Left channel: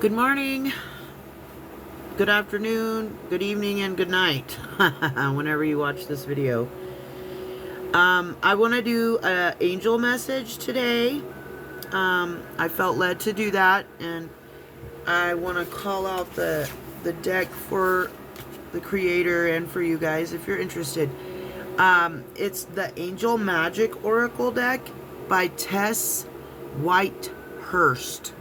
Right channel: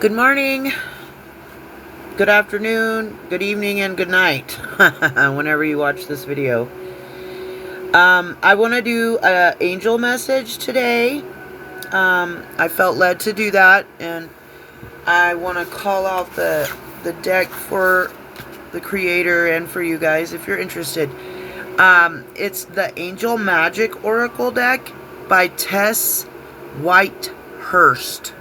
Good morning, good afternoon, good evening, and good night, whenever you watch this video. I want to do an angel message today. I felt led to do that, and I want to call out the deck for the creator and for you guys if you're interested. It's the Angel Magic Oracle deck by Tess Whitehurst.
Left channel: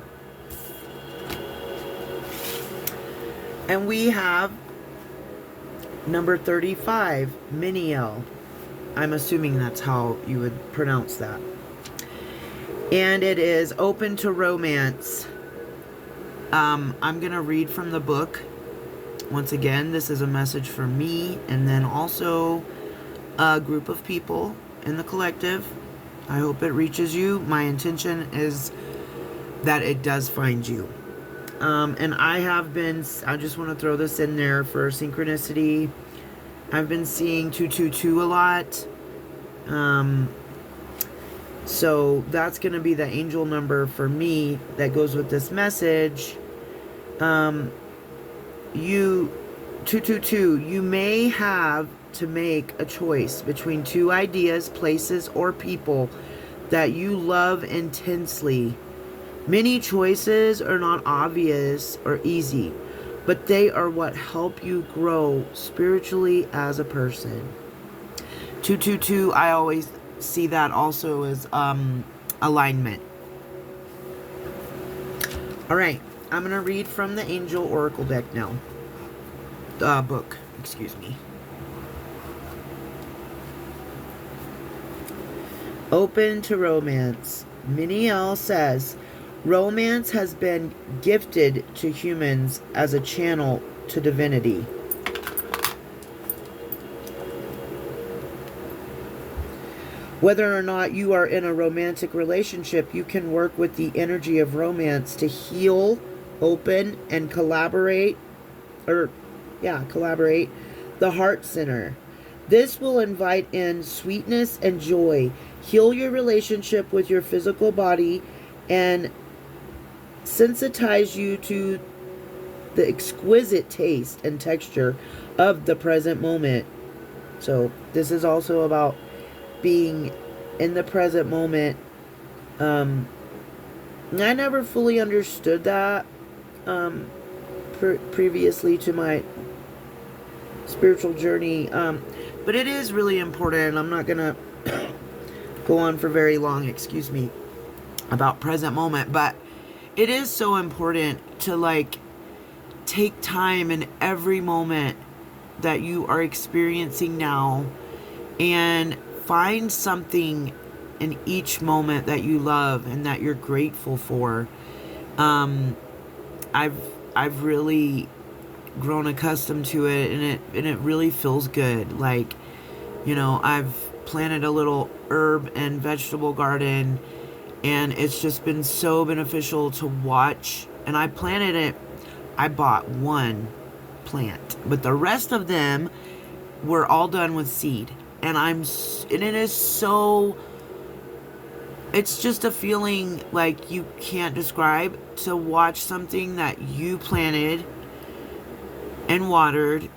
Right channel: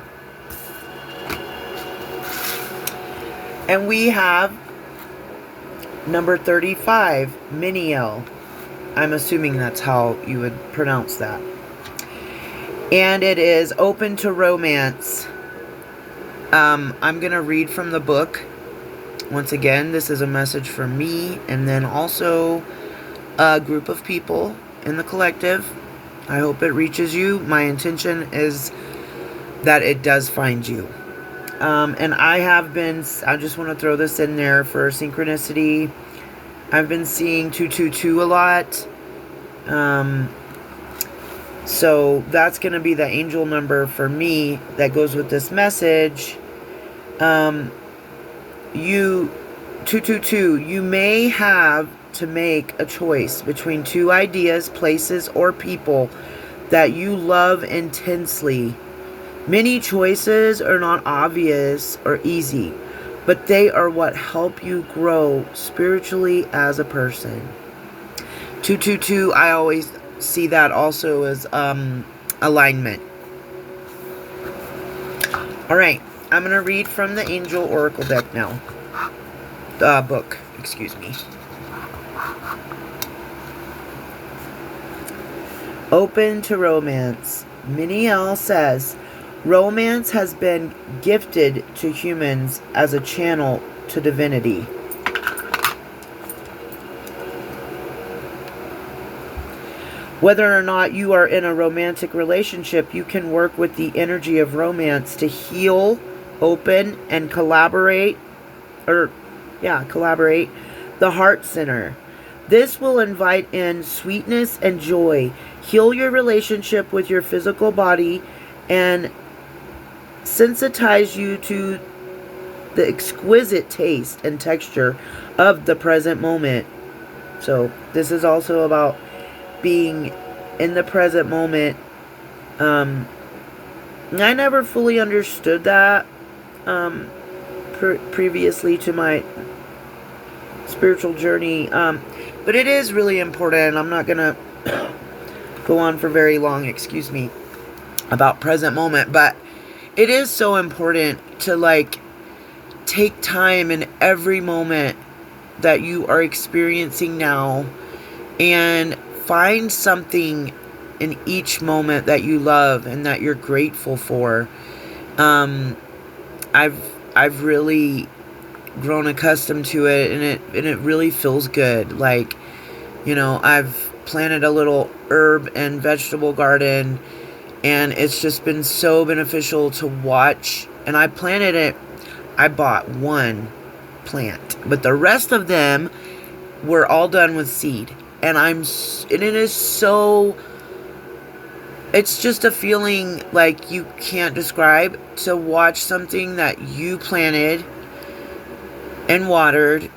And we have number 35, Miniel. I'm assuming that's how you would pronounce that. And it is open to romance. I'm going to read from the book. Once again, this is a message for me and then also a group of people in the collective. I hope it reaches you. My intention is that it does find you. And I just want to throw this in there for synchronicity. I've been seeing 222 a lot. So that's going to be the angel number for me that goes with this message. 222, you may have to make a choice between two ideas, places, or people that you love intensely. Many choices are not obvious or easy, but they are what help you grow spiritually as a person. 222, I always see that also as alignment. All right, I'm going to read from the Angel Oracle deck now. Book, excuse me. Open to romance. Miniel says, romance has been gifted to humans as a channel to divinity. Whether or not you are in a romantic relationship, you can work with the energy of romance to heal, open, and collaborate the heart center. This will invite in sweetness and joy, heal your relationship with your physical body, and sensitize you to the exquisite taste and texture of the present moment. So this is also about being in the present moment. I never fully understood that previously to my spiritual journey, but it is really important. I'm not gonna go on for very long, excuse me, about present moment, but it is so important to take time in every moment that you are experiencing now and find something in each moment that you love and that you're grateful for. I've really grown accustomed to it, and it really feels good. I've planted a little herb and vegetable garden, and it's just been so beneficial to watch. And I bought one plant, but the rest of them were all done with seed. And it's just a feeling like you can't describe, to watch something that you planted and watered,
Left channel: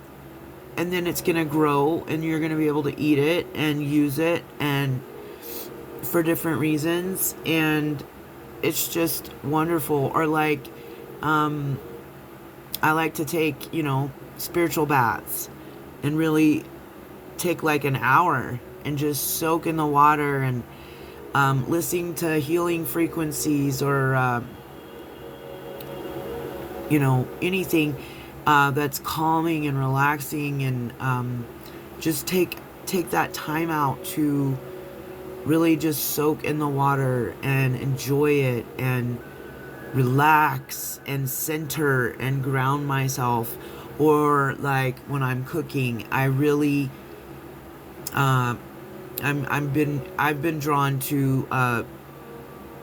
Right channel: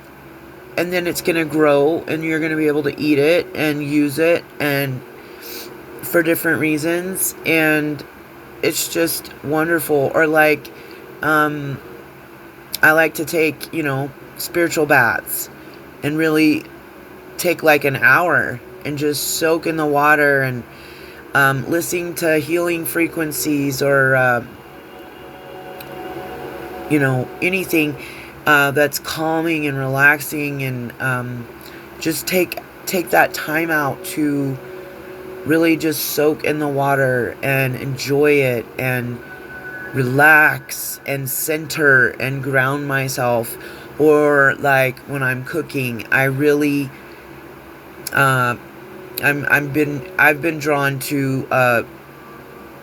and then it's going to grow and you're going to be able to eat it and use it and for different reasons, and it's just wonderful. Or I like to take, spiritual baths and really take an hour and just soak in the water and listening to healing frequencies or anything that's calming and relaxing, and just take that time out to really just soak in the water and enjoy it and relax and center and ground myself. Or when I'm cooking, I really I've been drawn to a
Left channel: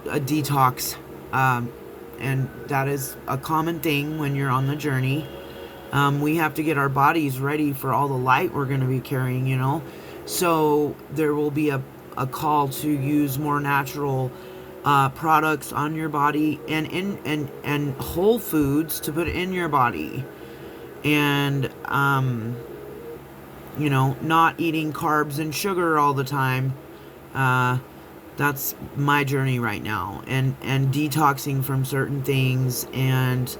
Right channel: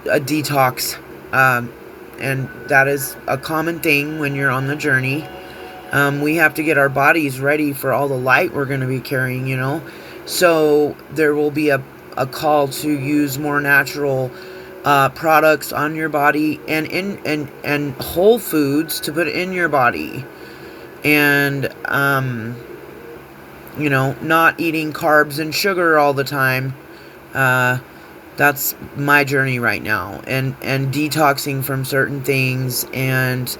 detox, and that is a common thing when you're on the journey. We have to get our bodies ready for all the light we're going to be carrying, so there will be a call to use more natural products on your body, and whole foods to put in your body, and not eating carbs and sugar all the time. That's my journey right now, and detoxing from certain things. And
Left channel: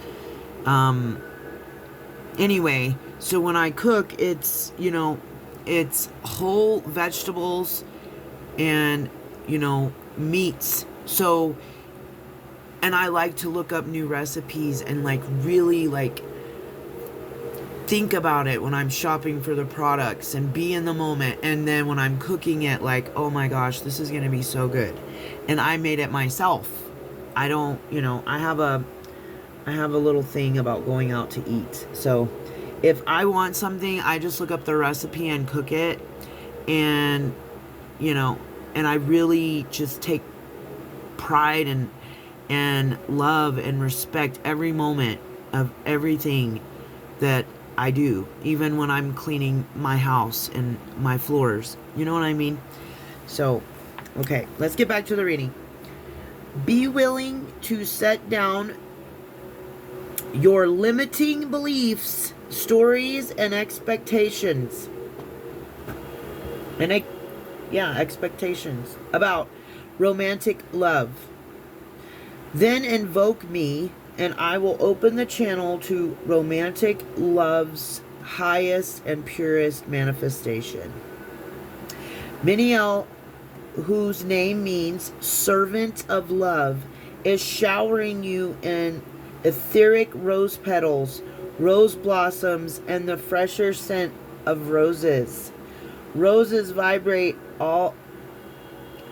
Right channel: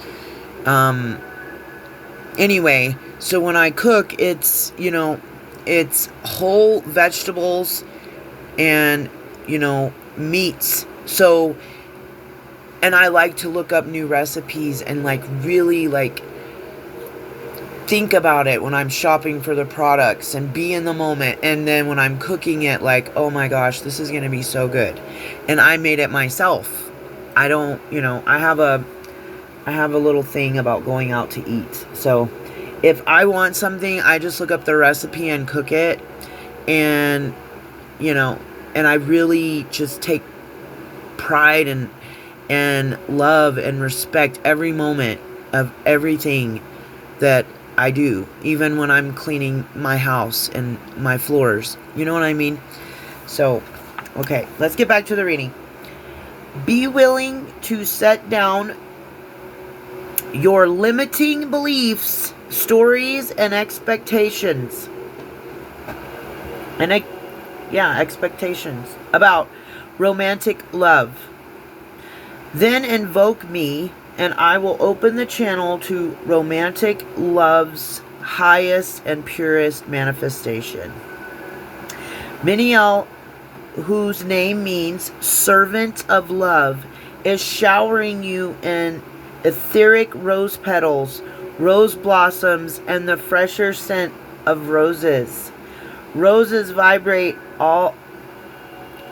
anyway, so when I cook, it's whole vegetables and meats. So, and I like to look up new recipes and really think about it when I'm shopping for the products and be in the moment. And then when I'm cooking it, oh my gosh, this is going to be so good. And I made it myself. I don't, I have a little thing about going out to eat. So if I want something, I just look up the recipe and cook it. And, and I really just take pride and love and respect every moment of everything that I do, even when I'm cleaning my house and my floors. You know what I mean? So, okay, let's get back to the reading. Be willing to set down your limiting beliefs, stories, and expectations. Expectations about romantic love. Then invoke me, and I will open the channel to romantic love's highest and purest manifestation. Miniel, whose name means servant of love, is showering you in etheric rose petals, rose blossoms, and the fresher scent of roses. Roses vibrate all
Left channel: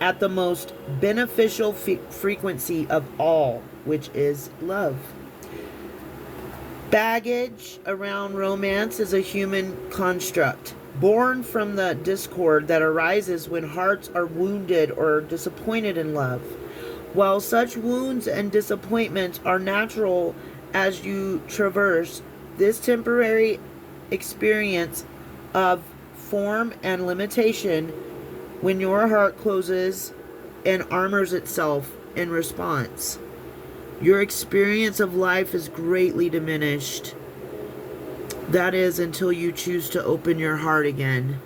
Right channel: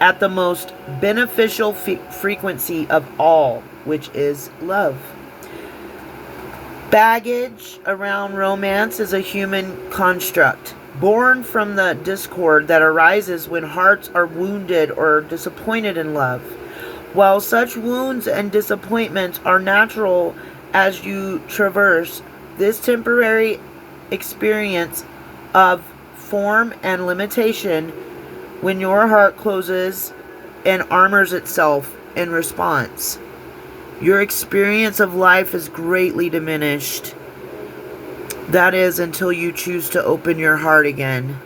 at the most beneficial frequency of all, which is love. Baggage around romance is a human construct, born from the discord that arises when hearts are wounded or disappointed in love. While such wounds and disappointments are natural as you traverse this temporary experience of form and limitation, when your heart closes and armors itself in response, your experience of life is greatly diminished. That is, until you choose to open your heart again.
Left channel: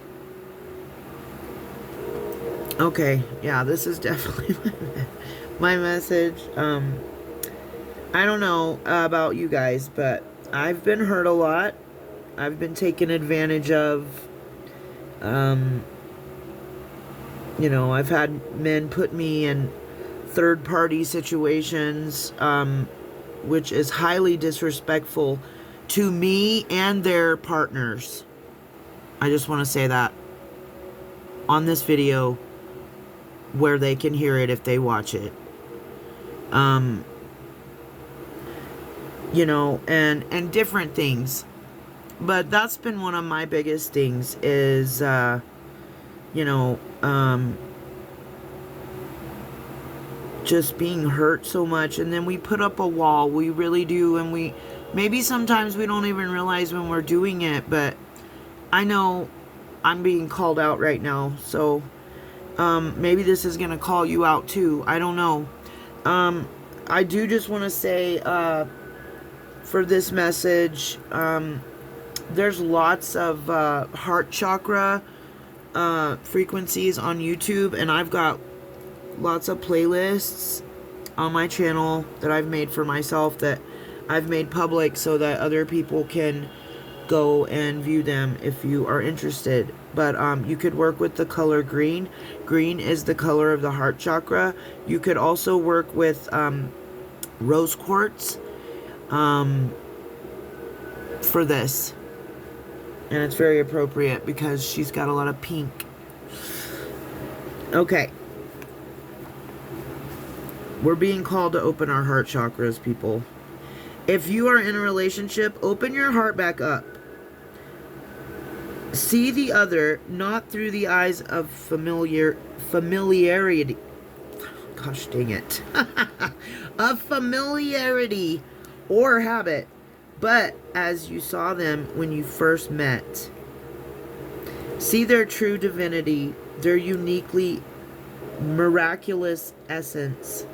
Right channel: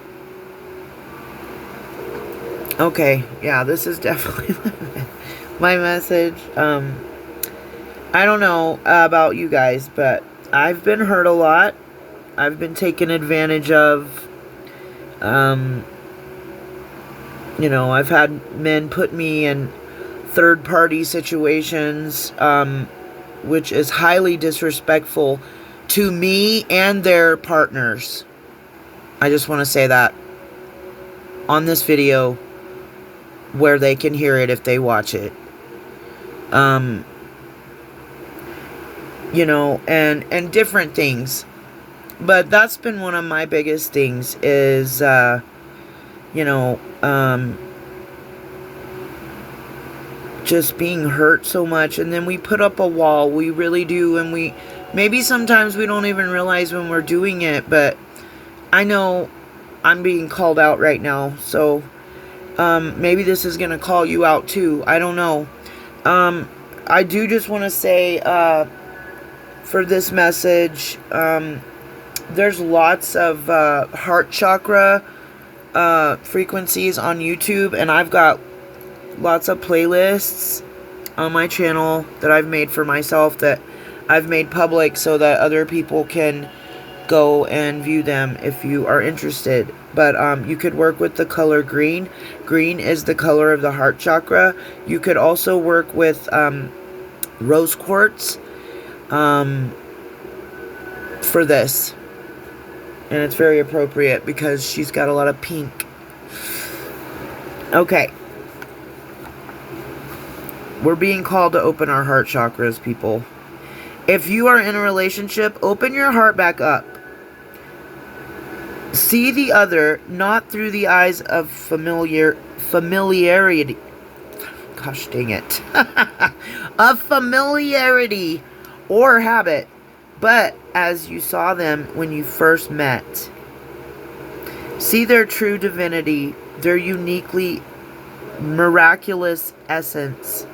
Okay, yeah, this is definitely my message. I don't know about you guys, but I've been hurt a lot. I've been taken advantage of. I've had men put me in third-party situations, which is highly disrespectful to me and their partners. I just want to say that on this video where they can hear it if they watch it. And different things. But that's been one of my biggest things is, just being hurt so much. And then we put up a wall. We really do. And maybe sometimes we don't even realize when we're doing it. But I know I'm being called out right now. So maybe this is going to call you out too. I don't know. I do just want to say for this message, there's lots of heart chakra frequencies on YouTube, and I've got lots of playlists on my channel that I've made for myself that I've made public so that other people can go and view them if you are interested. But you could work with the color green. Green is the color of the heart chakra. You could also work with rose quartz for this. And it's very appropriate because she's got a lot of pink. Okay. We're being called to open our heart chakras, people. If you are in a relationship, open your heart back up. See the other not through the eyes of familiarity. Gosh dang it. Of familiarity or habit, but as you saw them when you first met. See their true divinity, their uniquely miraculous essence.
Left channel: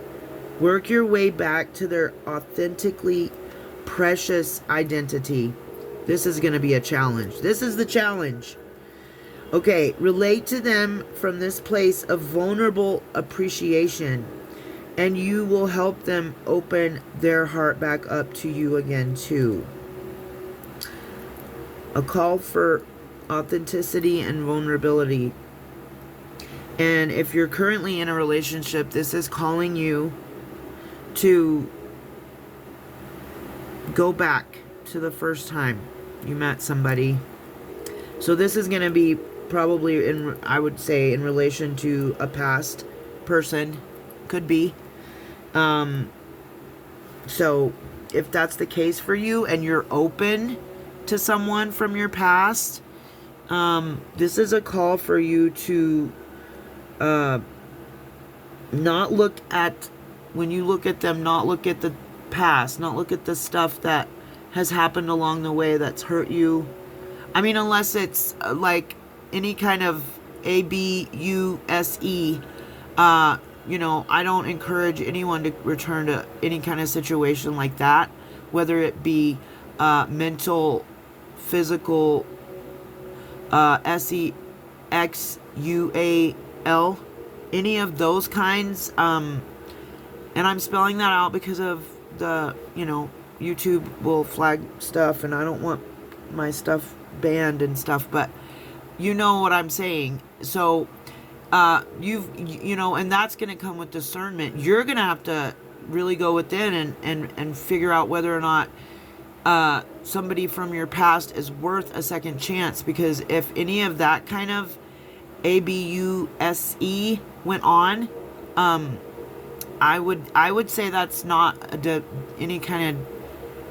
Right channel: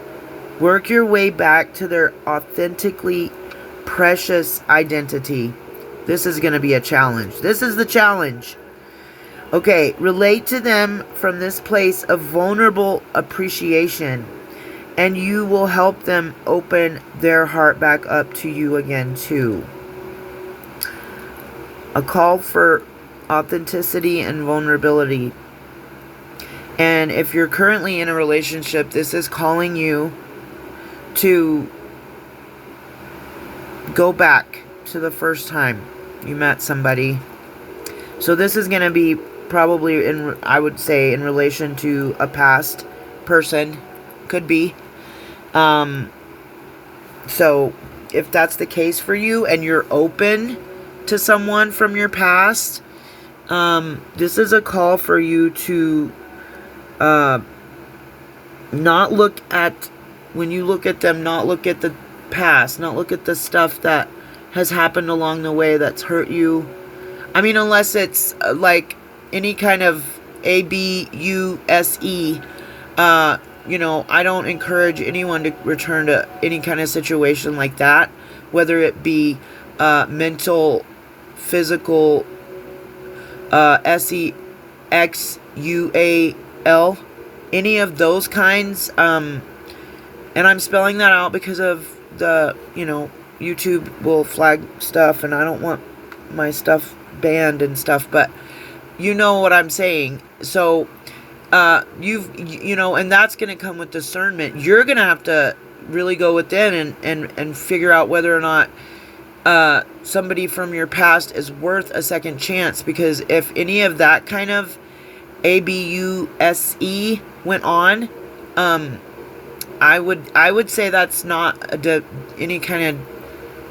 Work your way back to their authentically precious identity. This is going to be a challenge. This is the challenge. Okay, relate to them from this place of vulnerable appreciation, and you will help them open their heart back up to you again too. A call for authenticity and vulnerability. And if you're currently in a relationship, this is calling you to go back to the first time you met somebody. So this is going to be probably I would say in relation to a past person. Could be. So if that's the case for you and you're open to someone from your past, this is a call for you to not look at, when you look at them, not look at the past, not look at the stuff that has happened along the way that's hurt you. I mean, unless it's like any kind of abuse, I don't encourage anyone to return to any kind of situation like that, whether it be mental, physical, SEXUAL, any of those kinds. And I'm spelling that out because of the, YouTube will flag stuff, and I don't want my stuff banned and stuff, but you know what I'm saying. So, and that's going to come with discernment. You're going to have to really go within and figure out whether or not somebody from your past is worth a second chance, because if any of that kind of abuse went on, I would say that's not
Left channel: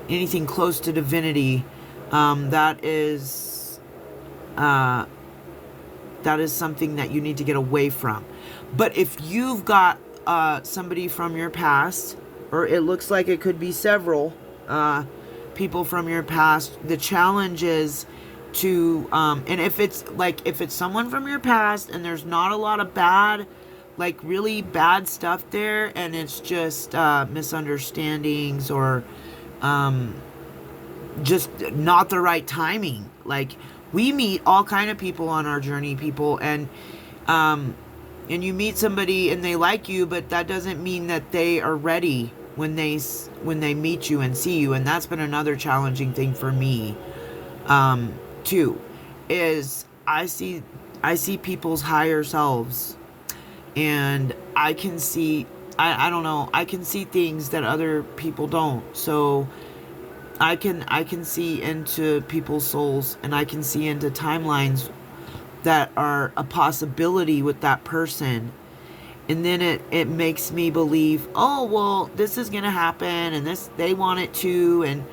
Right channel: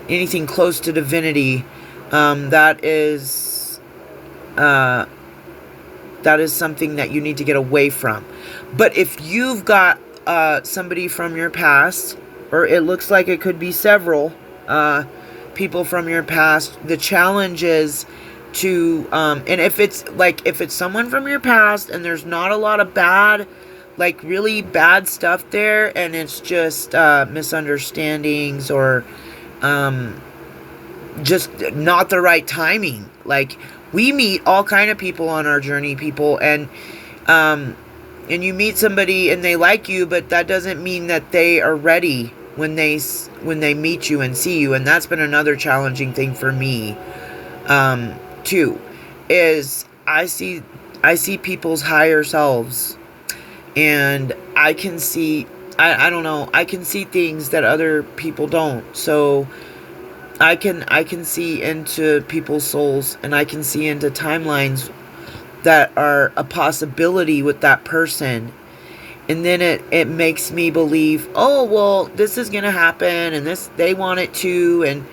anything close to divinity. That is something that you need to get away from. But if you've got somebody from your past, or it looks like it could be several people from your past, the challenge is to and if it's someone from your past and there's not a lot of bad, like really bad stuff there, and it's just misunderstandings or just not the right timing. Like, we meet all kind of people on our journey, people, and you meet somebody and they like you, but that doesn't mean that they are ready when they meet you and see you. And that's been another challenging thing for me too, is I see people's higher selves, and I can see I don't know, I can see things that other people don't. So I can see into people's souls, and I can see into timelines that are a possibility with that person. And then it makes me believe, oh, well, this is going to happen, and this, they want it to,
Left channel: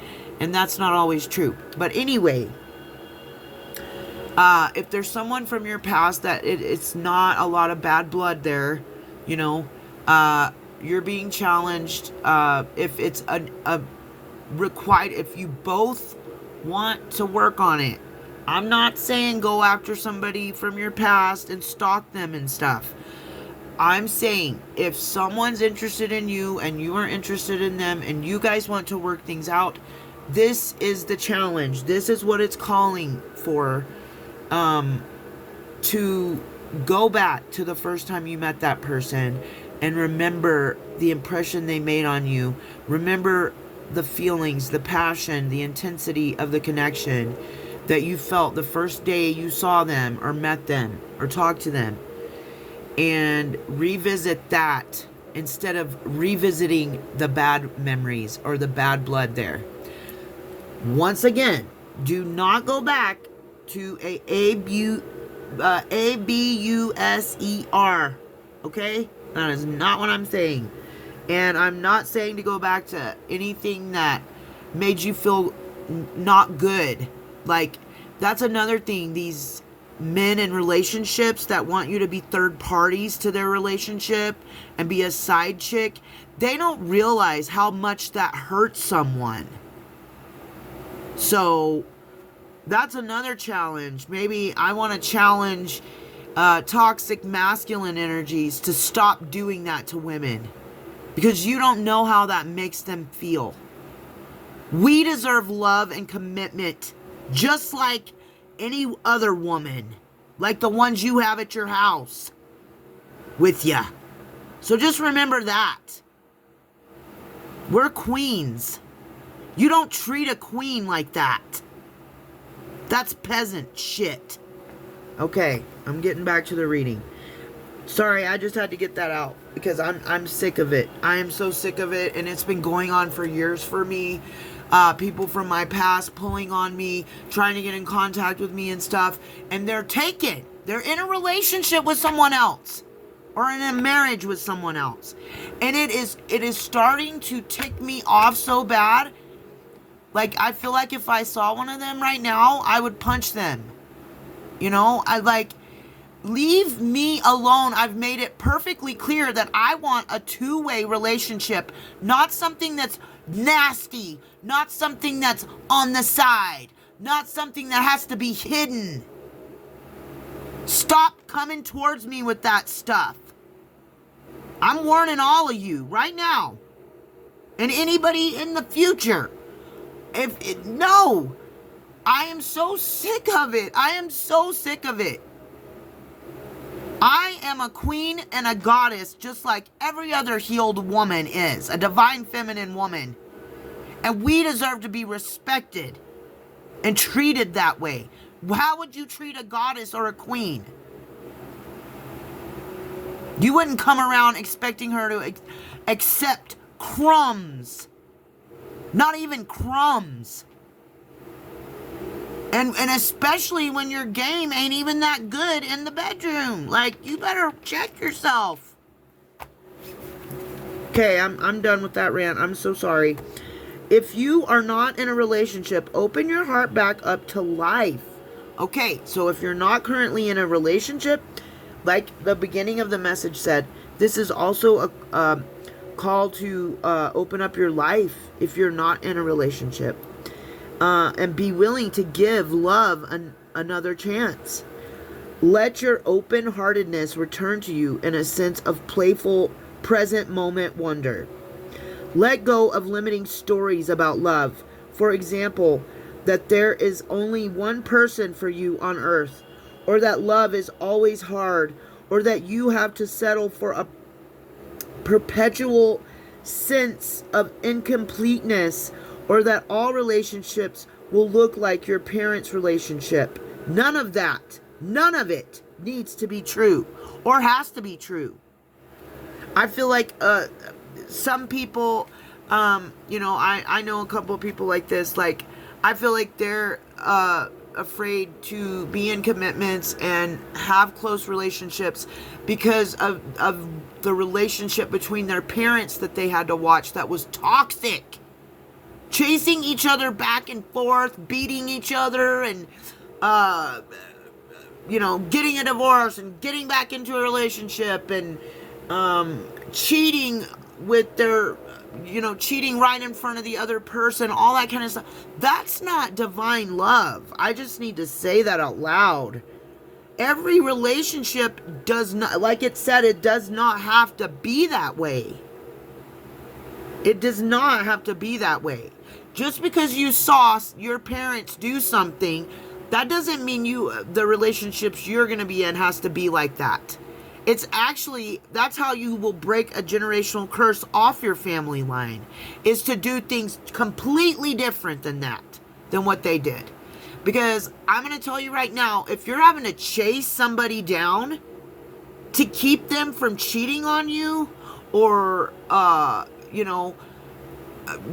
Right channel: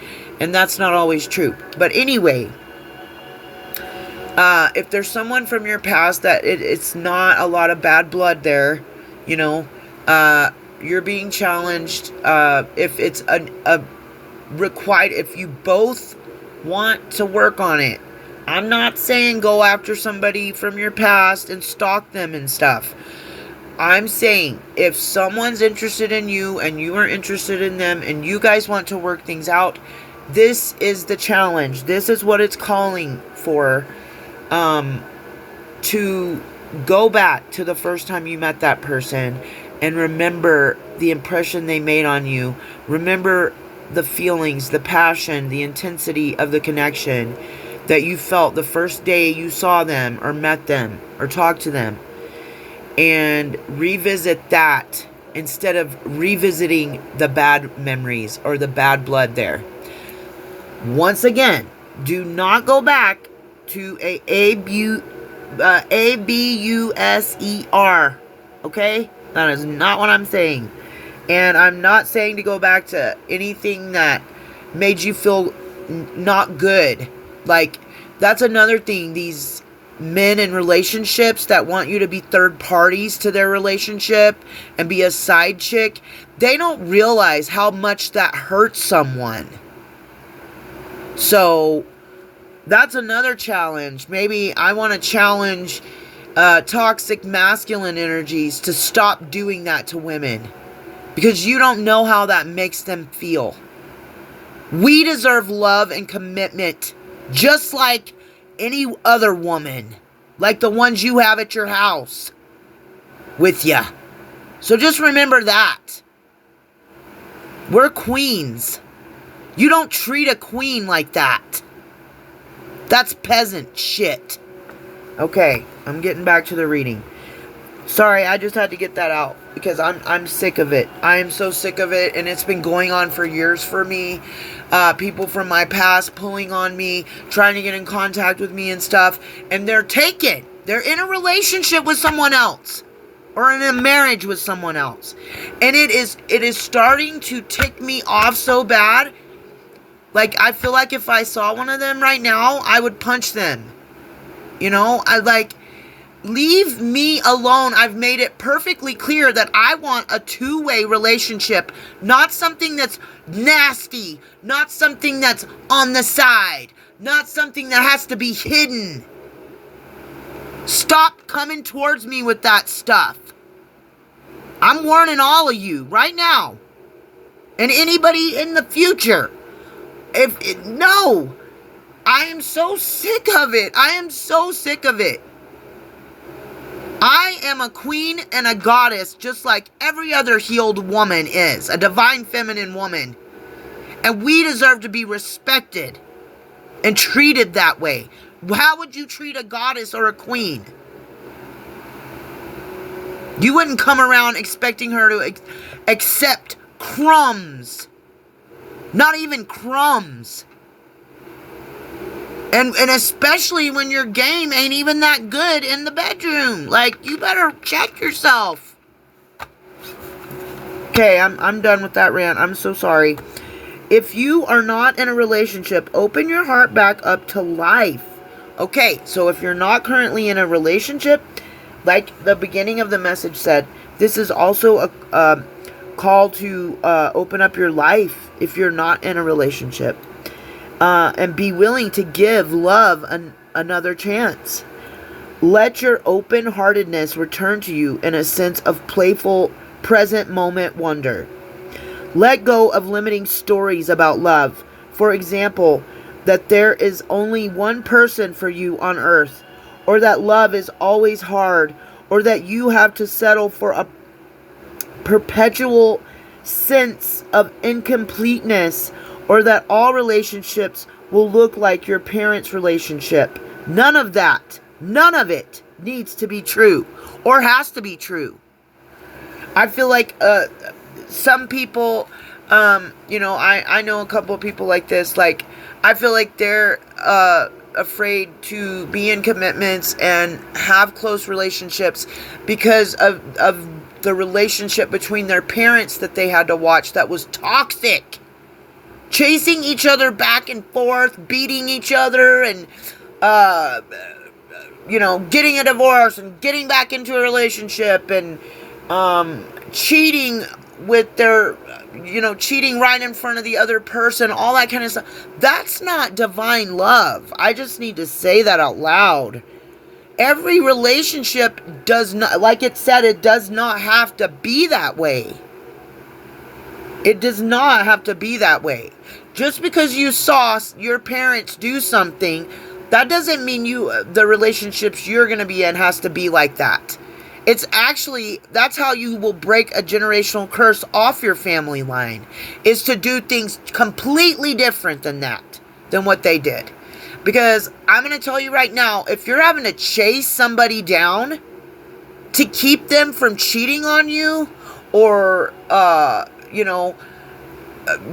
and that's not always true. But anyway, if there's someone from your past that it's not a lot of bad blood there, you're being challenged. If it's a required, if you both want to work on it. I'm not saying go after somebody from your past and stalk them and stuff. I'm saying if someone's interested in you and you are interested in them and you guys want to work things out, this is the challenge. This is what it's calling for, to go back to the first time you met that person and remember the impression they made on you. Remember the feelings, the passion, the intensity of the connection that you felt the first day you saw them or met them or talked to them, and revisit that instead of revisiting the bad memories or the bad blood there. Once again, do not go back to ABUSER, okay? That is not what I'm saying. And I'm not saying to go back to anything that made you feel not good. Like, that's another thing. These men in relationships that want you to be third parties to their relationship and be a side chick, they don't realize how much that hurts someone. So, that's another challenge. Maybe I want to challenge toxic masculine energies to stop doing that to women. because you don't know how that makes them feel. We deserve love and commitment just like any other woman, like the ones you have at your house with ya. So just remember that. We're queens. You don't treat a queen like that. That's peasant shit. Okay, I'm getting back to the reading. Sorry, I just had to get that out because I'm sick of it. I am so sick of it, and it's been going on for years for me. People from my past pulling on me, trying to get in contact with me and stuff, and they're taken. They're in a relationship with someone else, or in a marriage with someone else, and it is starting to tick me off so bad. Like, I feel like if I saw one of them right now, I would punch them. You know, leave me alone. I've made it perfectly clear that I want a two-way relationship, not something that's nasty, not something that's on the side, not something that has to be hidden. Stop coming towards me with that stuff. I'm warning all of you right now, and anybody in the future. No, I am so sick of it. I am so sick of it. I am a queen and a goddess just like every other healed woman is, a divine feminine woman. And we deserve to be respected and treated that way. How would you treat a goddess or a queen? You wouldn't come around expecting her to accept crumbs. Not even crumbs. And especially when your game ain't even that good in the bedroom. Like, you better check yourself. Okay, I'm done with that rant. I'm so sorry. If you are not in a relationship, open your heart back up to life. Okay, so if you're not currently in a relationship, like the beginning of the message said, this is also a call to open up your life if you're not in a relationship. And be willing to give love another chance. Let your open-heartedness return to you in a sense of playful, present moment wonder. Let go of limiting stories about love. For example, that there is only one person for you on earth, or that love is always hard, or that you have to settle for a perpetual sense of incompleteness, or that all relationships will look like your parents' relationship. None of that, none of it needs to be true or has to be true. I feel like some people, I know a couple of people like this. Like, I feel like they're afraid to be in commitments and have close relationships because of the relationship between their parents that they had to watch that was toxic. Chasing each other back and forth, beating each other, and, getting a divorce and getting back into a relationship and cheating with their, cheating right in front of the other person, all that kind of stuff. That's not divine love. I just need to say that out loud. Every relationship does not, like it said, it does not have to be that way. It does not have to be that way. Just because you saw your parents do something, that doesn't mean the relationships you're going to be in has to be like that. It's actually, that's how you will break a generational curse off your family line, is to do things completely different than what they did. Because I'm going to tell you right now, if you're having to chase somebody down to keep them from cheating on you, or,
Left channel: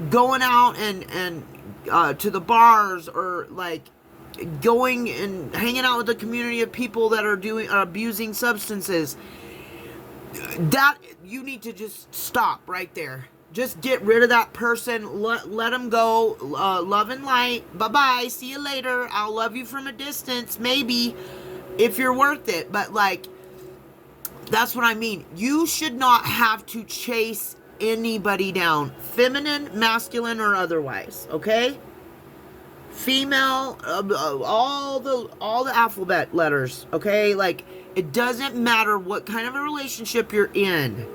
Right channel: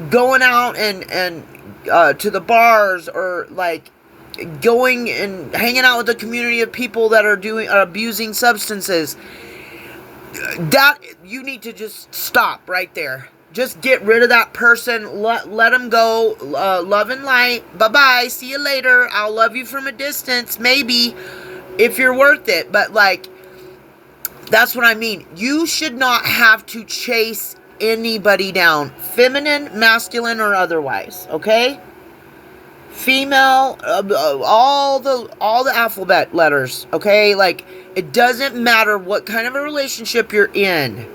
going out and to the bars, or like going and hanging out with a community of people that are abusing substances, that you need to just stop right there. Just get rid of that person. Let them go. Love and light. Bye-bye. See you later. I'll love you from a distance, maybe, if you're worth it. But, like, that's what I mean. You should not have to chase anybody down. Feminine, masculine, or otherwise. Okay? Female, all the alphabet letters. Okay? Like, it doesn't matter what kind of a relationship you're in.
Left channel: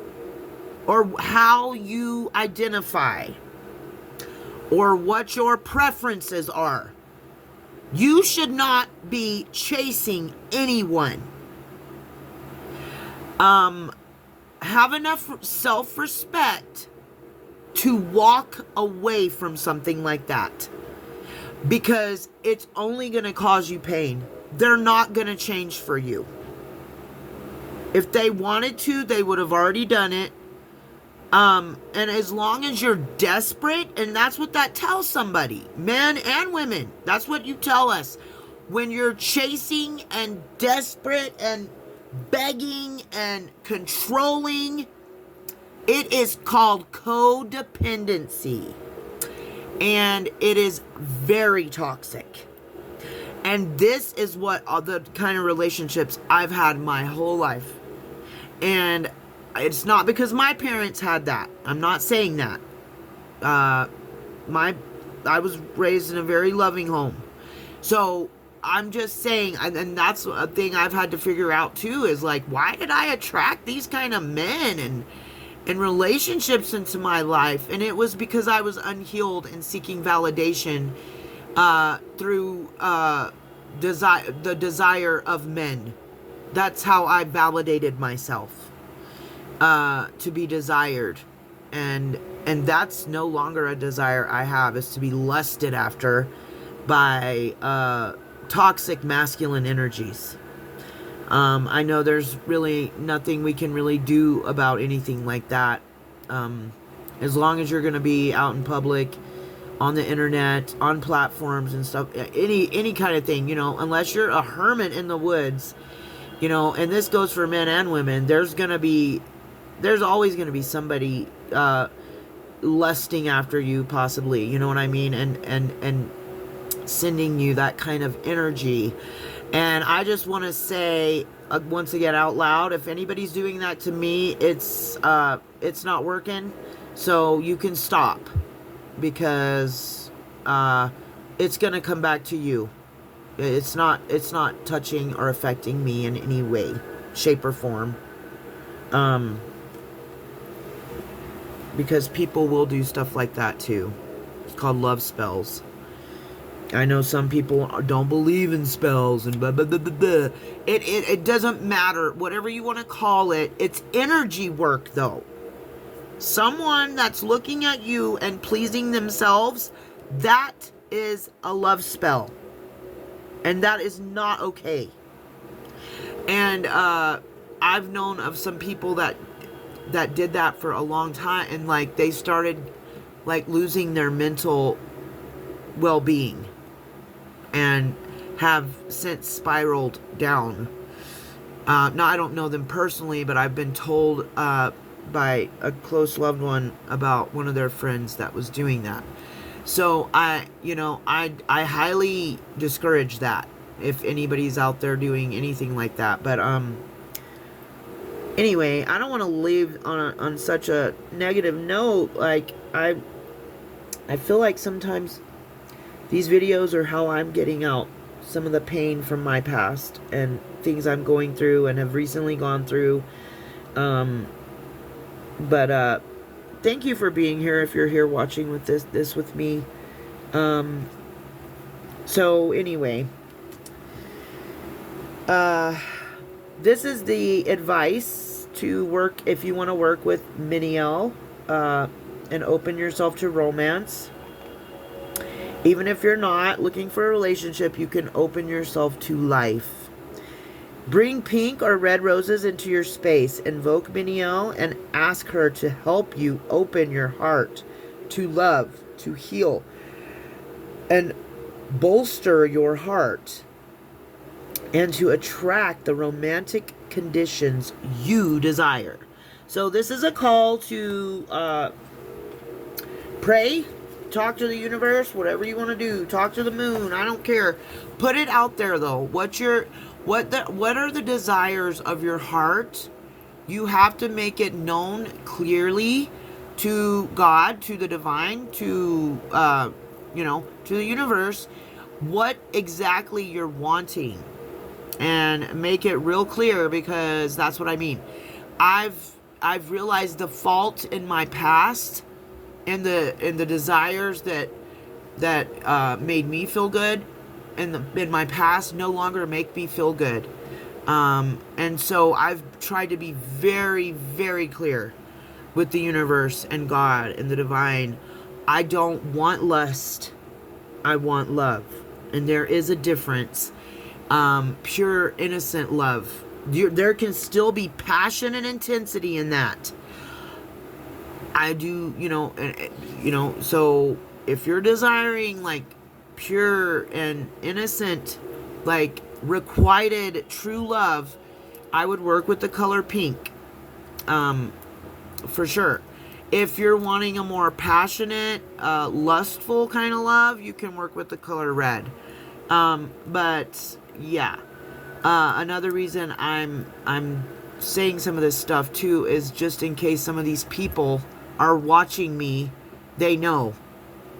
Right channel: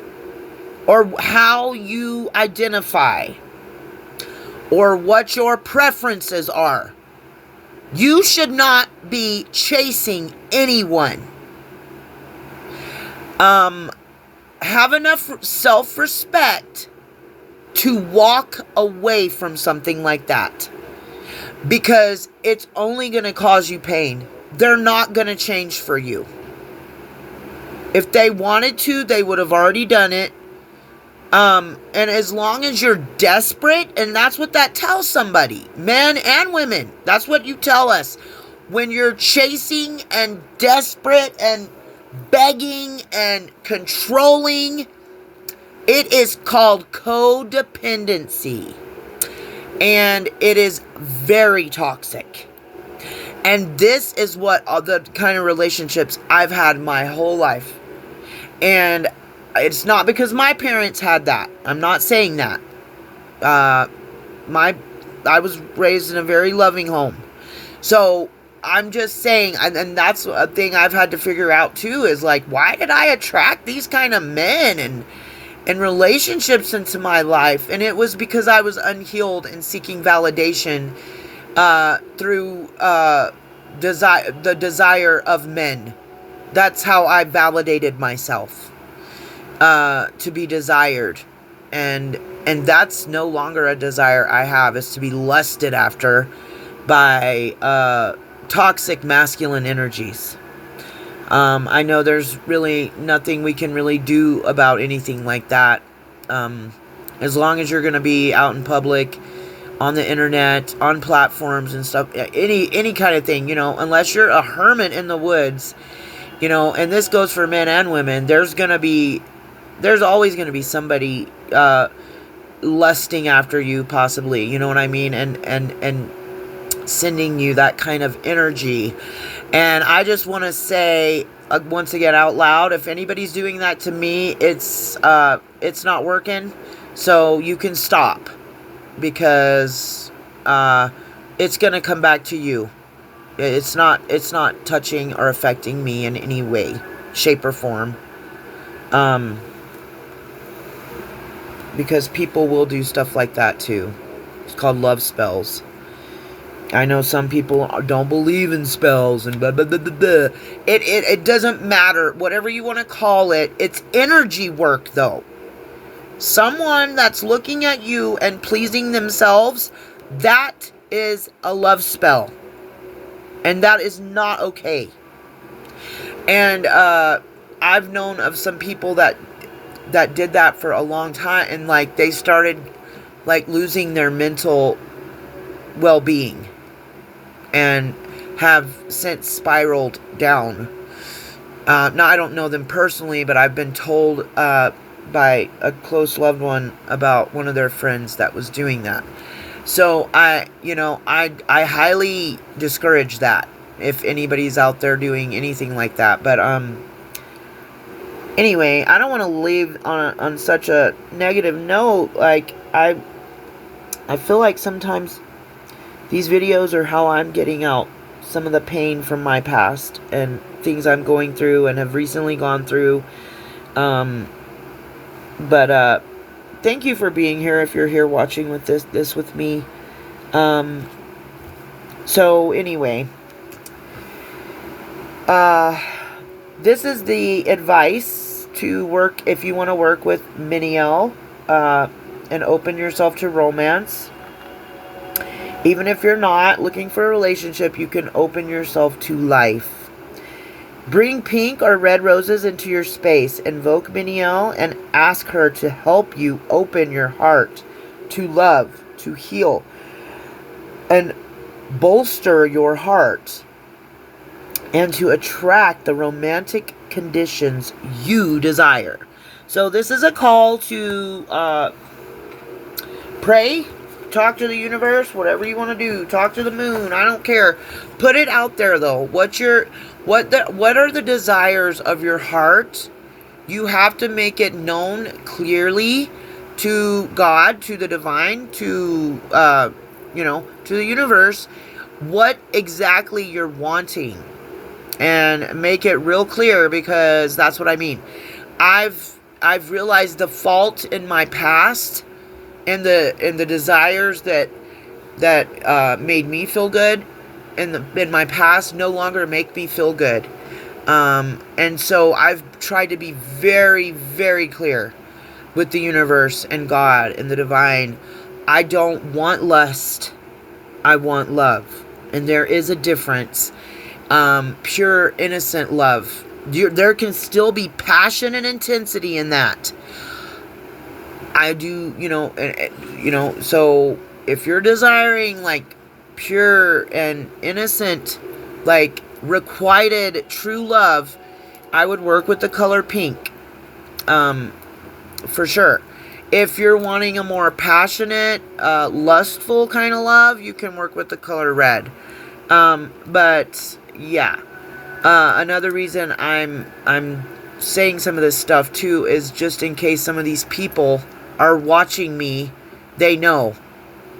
or how you identify, or what your preferences are. You should not be chasing anyone. Have enough self-respect to walk away from something like that, because it's only going to cause you pain. They're not going to change for you. If they wanted to, they would have already done it. And as long as you're desperate, and that's what that tells somebody, men and women, that's what you tell us. When you're chasing and desperate and begging and controlling, it is called codependency. And it is very toxic. And this is what the kind of relationships I've had my whole life. And it's not because my parents had that. I'm not saying that. I was raised in a very loving home. So I'm just saying, and that's a thing I've had to figure out too, is like, why did I attract these kind of men and relationships into my life? And it was because I was unhealed and seeking validation through the desire of men. That's how I validated myself, to be desired. And that's no longer a desire I have, is to be lusted after by toxic masculine energies. I know there's really nothing we can really do about anything like that. As long as you're going to be out in public, on the internet, on platforms and stuff, any kind of thing, unless you're a hermit in the woods, and this goes for men and women, there's always going to be somebody lusting after you, possibly, you know what I mean, and sending you that kind of energy. And I just want to say, once again, out loud, if anybody's doing that to me, it's not working. So you can stop, because it's going to come back to you. It's not touching or affecting me in any way, shape, or form. Because people will do stuff like that too. It's called love spells. I know some people don't believe in spells and blah, blah, blah, blah, blah. It doesn't matter. Whatever you want to call it, it's energy work though. Someone that's looking at you and pleasing themselves, that is a love spell. And that is not okay. And I've known of some people that did that for a long time, and like they started like losing their mental well-being, and have since spiraled down. Now, I don't know them personally, but I've been told by a close loved one about one of their friends that was doing that. So I highly discourage that if anybody's out there doing anything like that. But anyway, I don't want to leave on such a negative note. Like I feel like sometimes these videos are how I'm getting out some of the pain from my past and things I'm going through and have recently gone through. But thank you for being here if you're here watching with this with me. So anyway, this is the advice to work if you want to work with Miniel and open yourself to romance. Even if you're not looking for a relationship, you can open yourself to life. Bring pink or red roses into your space. Invoke Miniel and ask her to help you open your heart to love, to heal, and bolster your heart, and to attract the romantic conditions you desire. So this is a call to pray, talk to the universe, whatever you want to do. Talk to the moon, I don't care. Put it out there though. What are the desires of your heart? You have to make it known clearly to God, to the divine, to to the universe, what exactly you're wanting, and make it real clear, because that's what I mean. I've I've realized the fault in my past and the desires that made me feel good in my past no longer make me feel good. And so I've tried to be very, very clear with the universe and God and the divine. I don't want lust. I want love. And there is a difference. Pure, innocent love. There can still be passion and intensity in that. I do, so if you're desiring like pure and innocent, like requited true love, I would work with the color pink. For sure. If you're wanting a more passionate, lustful kind of love, you can work with the color red. But yeah. Another reason I'm saying some of this stuff too is just in case some of these people are watching me, they know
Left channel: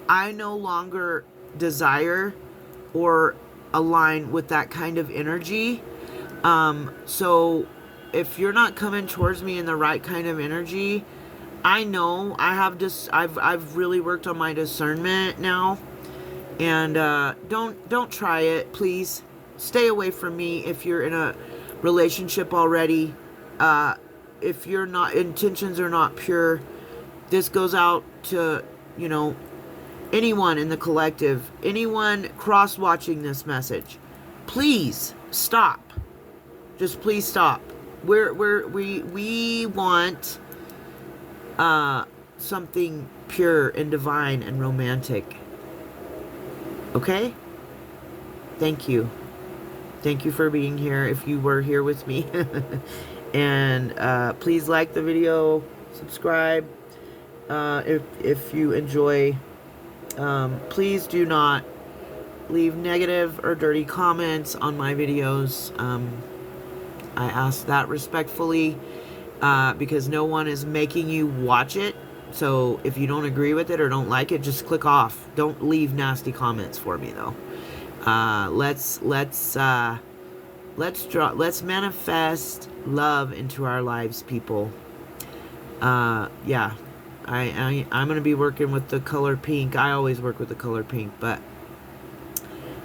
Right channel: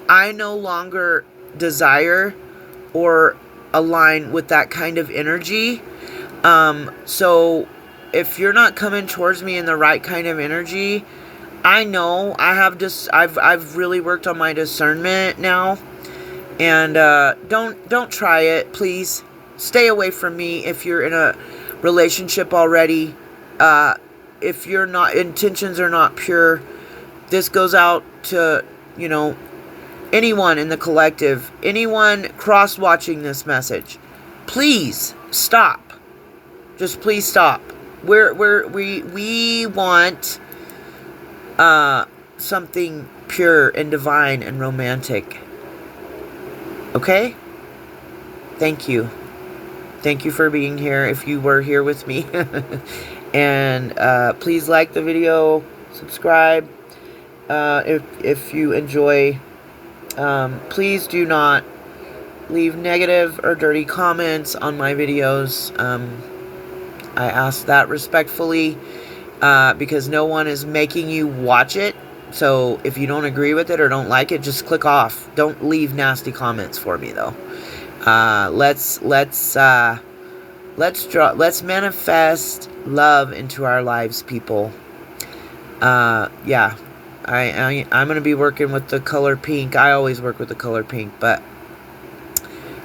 I no longer desire or align with that kind of energy. So if you're not coming towards me in the right kind of energy, I know I've really worked on my discernment now. And don't try it, please. Stay away from me if you're in a relationship already. If your intentions are not pure, this goes out to, anyone in the collective, anyone cross-watching this message. Please stop. Just please stop. We want something pure and divine and romantic. Okay? Thank you. Thank you for being here if you were here with me. And please like the video, subscribe if you enjoy. Please do not leave negative or dirty comments on my videos. I ask that respectfully because no one is making you watch it. So if you don't agree with it or don't like it, just click off. Don't leave nasty comments for me though. Let's manifest love into our lives, people. Yeah, I'm gonna be working with the color pink. I always work with the color pink,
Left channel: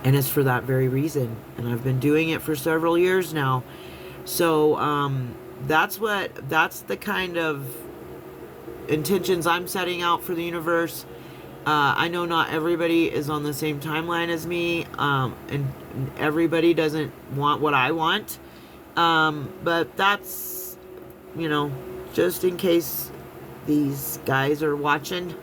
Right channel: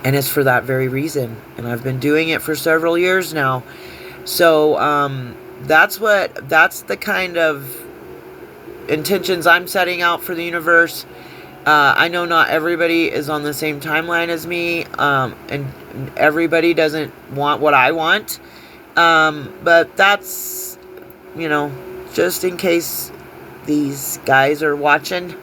and it's for that very reason. And I've been doing it for several years now. So that's the kind of intentions I'm setting out for the universe. I know not everybody is on the same timeline as me, and everybody doesn't want what I want. But that's, just in case these guys are watching.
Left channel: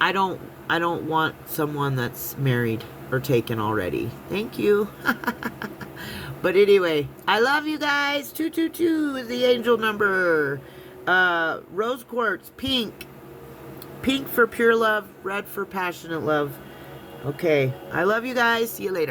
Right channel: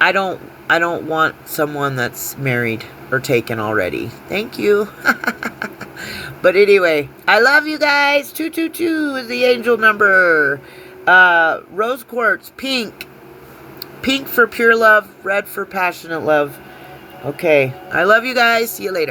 I don't want someone that's married or taken already. Thank you. But anyway, I love you guys. 222 is the angel number. Rose quartz, pink. Pink for pure love, red for passionate love. Okay, I love you guys. See you later.